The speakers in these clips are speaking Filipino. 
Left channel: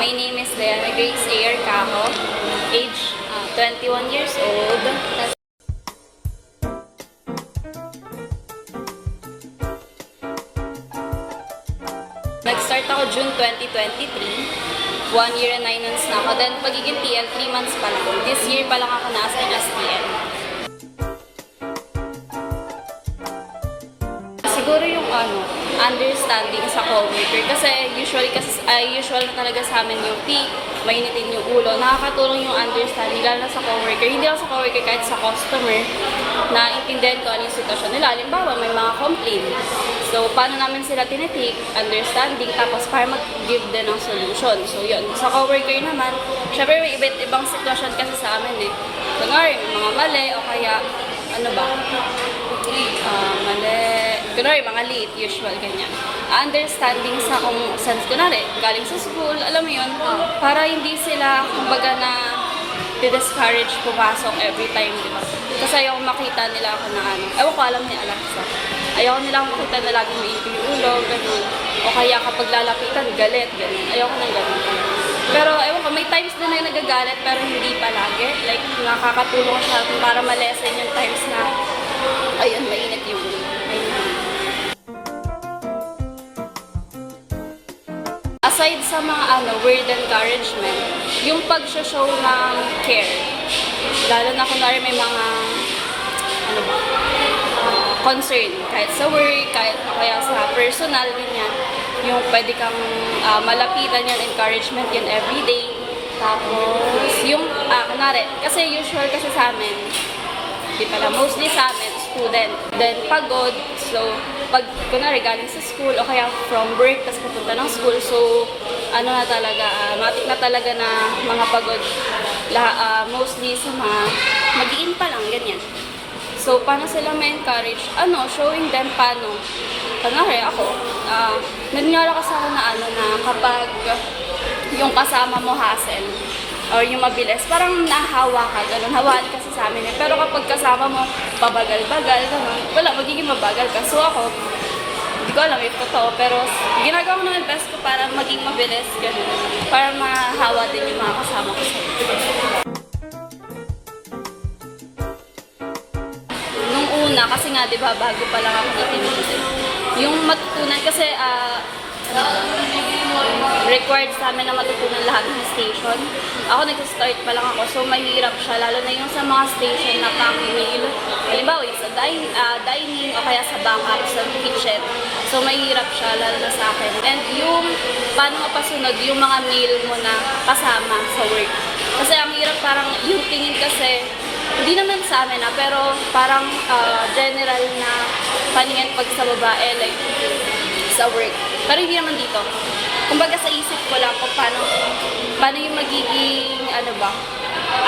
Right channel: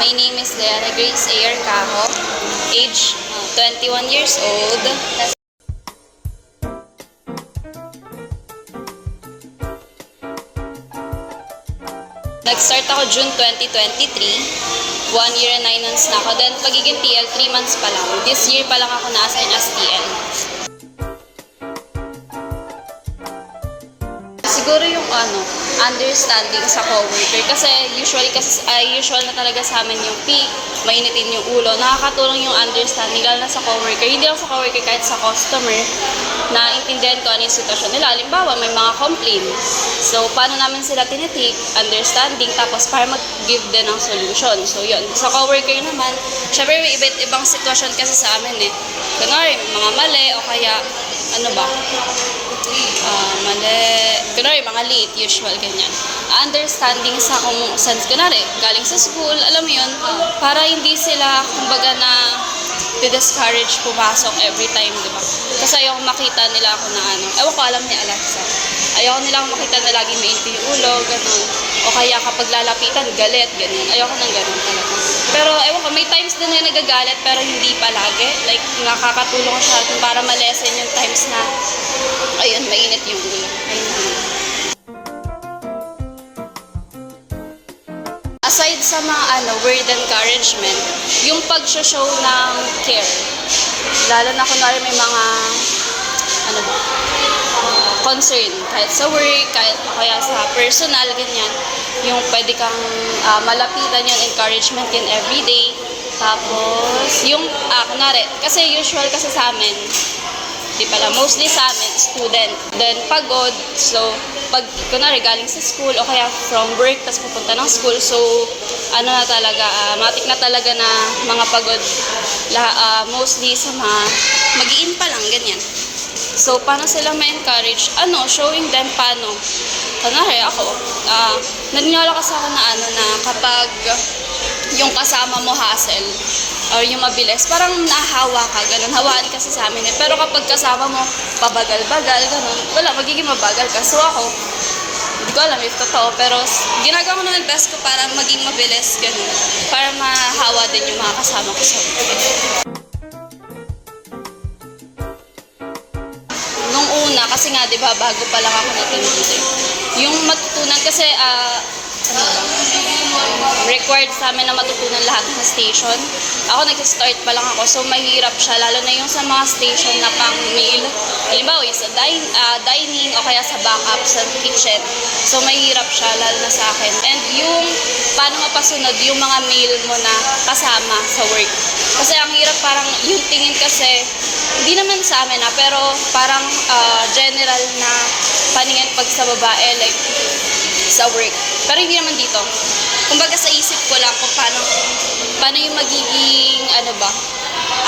My name is Diana Grace Ayer Cajo, age 21 years old. Nag-start ako June 2023. 1 year and 9 months na ako. Then, pagiging TL, 3 months pa lang. This year pa lang ako na-assign as TL. Siguro yung understanding sa coworker. Kasi usual na talaga sa amin yung peak, mainitin yung ulo. Nakakatulong yung understanding, lalo na sa coworker. Hindi lang sa coworker, kahit sa customer, na intindihan ko ano yung sitwasyon nila. Halimbawa, may mga complaint. So, paano namin sila tinitik, understanding, tapos para mag-give din ng solution. So, yun. Sa coworker naman, syempre may iba't ibang sitwasyon kasi sa amin eh. Kunwari, may mga mali, o kaya, kunwari, mga late, usual, ganyan. Understanding sa kung saan, kunwari, galing sa school, alam mo yun, para hindi sila, kumbaga na, discourage pumasok every time, di ba? Kasi ayoko makita nila ako na ewan ko, alam ni Alexa. Ayoko nila ako makita na lagi mainit yung ulo, gano'n. O kaya kapag lalapitan, galit, gano'n. Ayoko nang gano'n talaga. Pero ewan ko, may times din na nagagalit, pero hindi palagi. Like, nakakatulong siya para malesen yung times na, ayun, mainit yung ulo. Aside sa mga word encouragement, yung pag-show ng care. Lalo na kunwari may mga concern, kahit sa work, kahit kaya sa personal, ganyan. Yung pwede kang malapitan yun, encouragement yun everyday. Tapos, yung, kunwari, kasi usual kasi sa amin, di pala, mostly sa amin, student. Then, pagod, so, pag, kunwari, galing sa school, o kaya from work, tapos pupunta ng school, so, na talaga, matik na talaga na mga pagod, mostly sa mga, mag-i-in pa lang, ganyan. So, paano sila ma-encourage? Showing them paano. Kunwari, ako, naniniwala kasi ako na, na kapag yung kasama mo hassle or yung mabilis, parang nahawa ka, ganun, hawaan kasi sa amin eh. Pero kapag kasama mo, pabagal-bagal, ganun, wala, magiging mabagal ka. So ako, hindi ko alam if totoo, pero ginagawa ko naman best ko para maging mabilis, ganun, para mahawa din yung mga kasama ko sa work. Nung una, kasi nga, di ba, bago pa lang ako na team leader, yung matutunan, kasi, required sa amin na matutunan lahat ng station. Ako nag-start pa lang ako, so mahirap siya, lalo na yung sa mga station na pang-meal. Halimbawa, sa dining o kaya sa backup, sa kitchen. So mahirap siya, lalo na sa akin. And yung paano mapasunod yung mga meal mo na kasama sa work. Kasi ang hirap, parang yung tingin kasi, hindi naman sa amin pero parang general na paningin pag sa babae, like sa work. Pero hindi naman dito. Kumbaga sa isip ko lang kung paano yung magiging,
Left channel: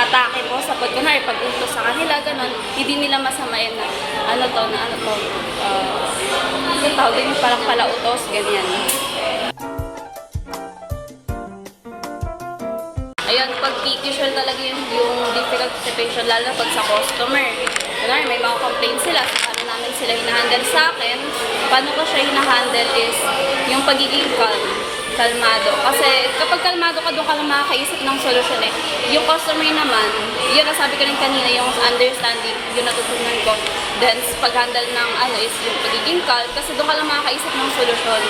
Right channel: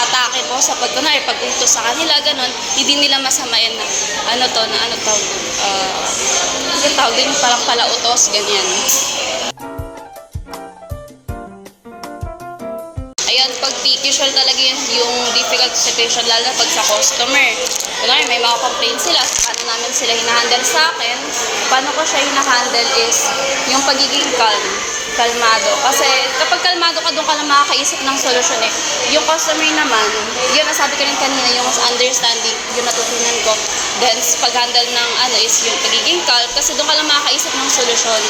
atake ko sa pagkunwari, pag-utos sa kanila, ganun, hindi nila masamayan na, yung tawag din yung parang palautos, ganyan. Ayun, pag peak, usual talaga yung difficult situation, lalo pag sa customer. Kunwari, may mga complaints sila, paano namin sila hinahandle sa akin. Paano ko siya hinahandle is yung pagiging kalmado. Kasi kapag kalmado ka, doon ka lang makakaisip ng solusyon eh. Yung customer naman, yun nasabi ko rin kanina, yung understanding, yung natutunan ko. Then, pag-handle ng is yung pagiging calm, kasi doon ka lang makakaisip ng solusyon.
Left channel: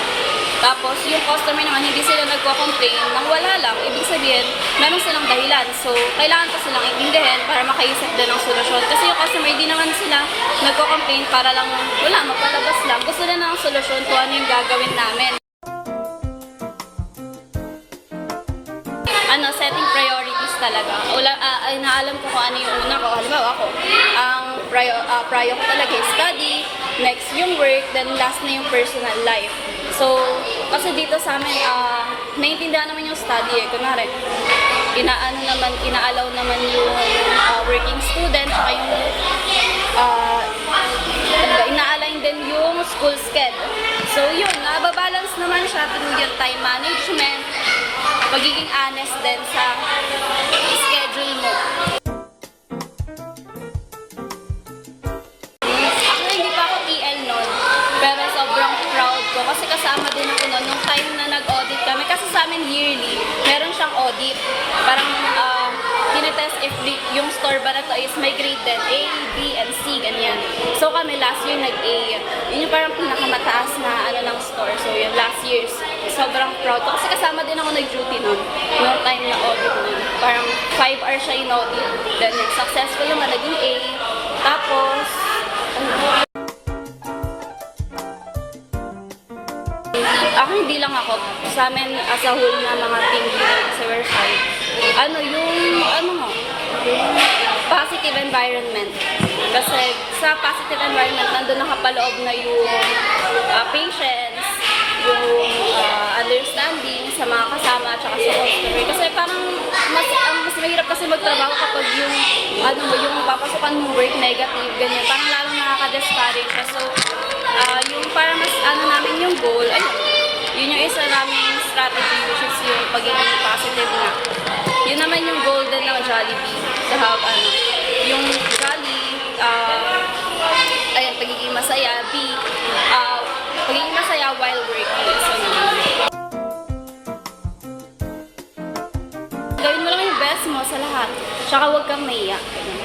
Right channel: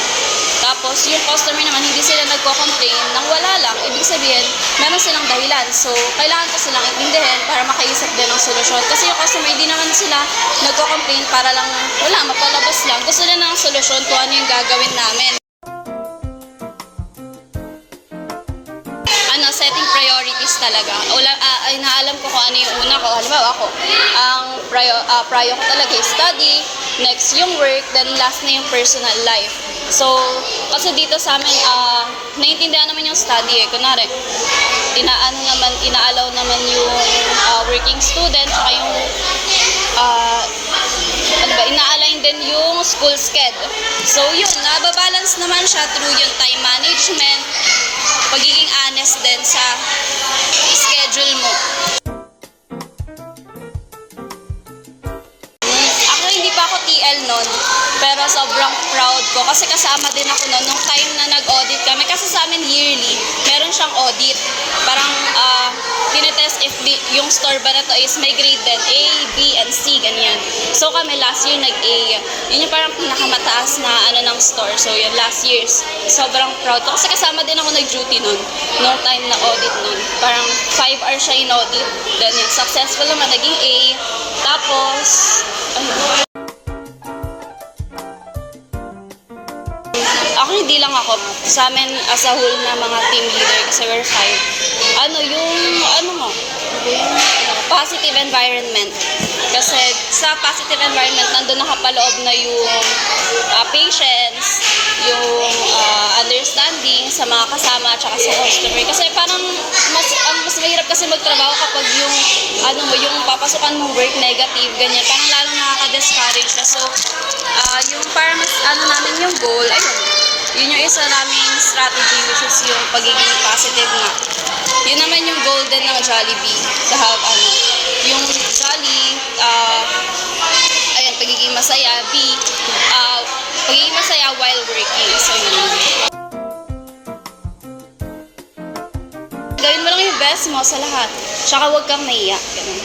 Tapos, yung customer naman, hindi sila nagko-complain nang wala lang. Ibig sabihin, meron silang dahilan. So, kailangan ko silang intindihin para makaisip din ng solusyon. Kasi yung customer, hindi naman sila nagko-complain para lang, mapalabas lang. Gusto nila ng solusyon kung ano yung gagawin namin. Setting priorities talaga. Naalam ko kung ano yung una ko. Halimbawa ako, ang prior ko talaga is study, next yung work, then last na yung personal life. So, kasi dito sa amin, naiintindihan naman yung study eh. Kunwari, inaalaw naman yung working student, saka yung ina-align din yung school schedule. So, yun, nababalance naman siya through yung time management, pagiging honest din sa schedule mo. Ako hindi pa ako TL nun, pero sobrang proud ko kasi kasama din ako nun nung time na nag-audit kami. Kasi sa amin yearly, meron siyang audit. Parang tinetest if yung store ba na to is may grade din, A, B, and C, ganyan. So kami last year nag-A. Yun yung parang pinakamataas na ng store. So yun, last year, sobrang proud ko. Kasi kasama din ako nag-duty nun, no time na audit nun. Parang 5 hours siya in audit. Then yun, successful naman, naging A. Tapos, ako hindi lang ako. Sa amin as a whole na mga team leader, kasi we're 5. Positive environment. Kasi sa positive environment, nandun nakapaloob na yung patience, yung understanding sa mga kasama at saka sa customer. Kasi parang mas mahirap kasi magtrabaho kapag yung yung papasukan mong work negative, ganyan. Parang lalong nakaka-discourage ka. So, yung parang mas namin yung goal, yun yung isa naming strategy, which is yung pagiging positive na. Yun naman yung goal din ng Jollibee, to have yung jolly, pagiging masaya, pagiging masaya while working. So yun. Gawin mo lang yung best mo sa lahat. Tsaka huwag kang maiyak. Ganun.